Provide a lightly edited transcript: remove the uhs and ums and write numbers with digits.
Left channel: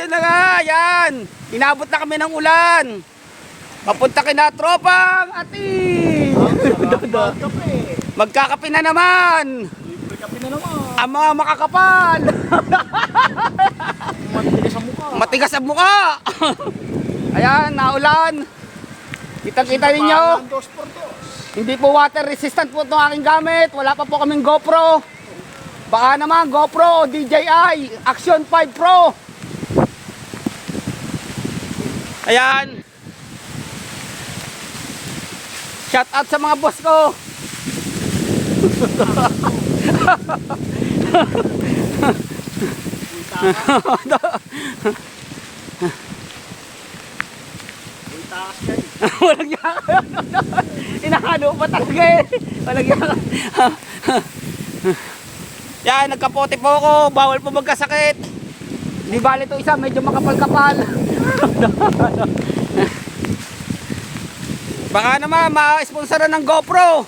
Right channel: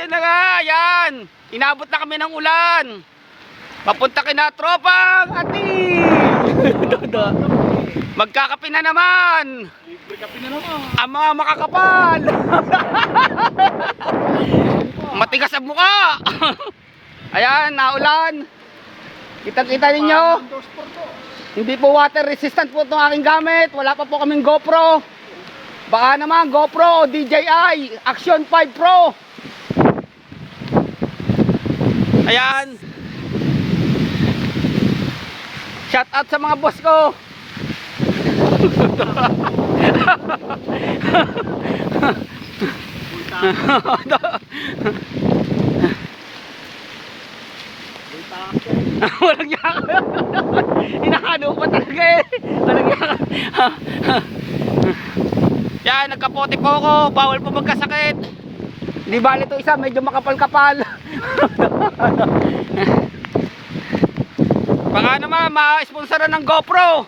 Ayun na nga, yan. Inabot na kami ng ulan. Papunta kina tropang ating. Magkakape na naman. Ang mga makakapal. Matigas ang mukha. Ayan, naulan. Kita-kita ninyo. Hindi po water resistant po itong aking gamit. Wala pa po kaming GoPro. Baka naman GoPro o DJI Action 5 Pro. Ayan. Shout out sa mga boss ko. Walang yan. Inakano pa talaga eh. Walang yan. Yan, nagkapote po ako. Bawal po magkasakit. Hindi bali ito isa, medyo makapal-kapal. Baka naman ma-sponsoran ng GoPro.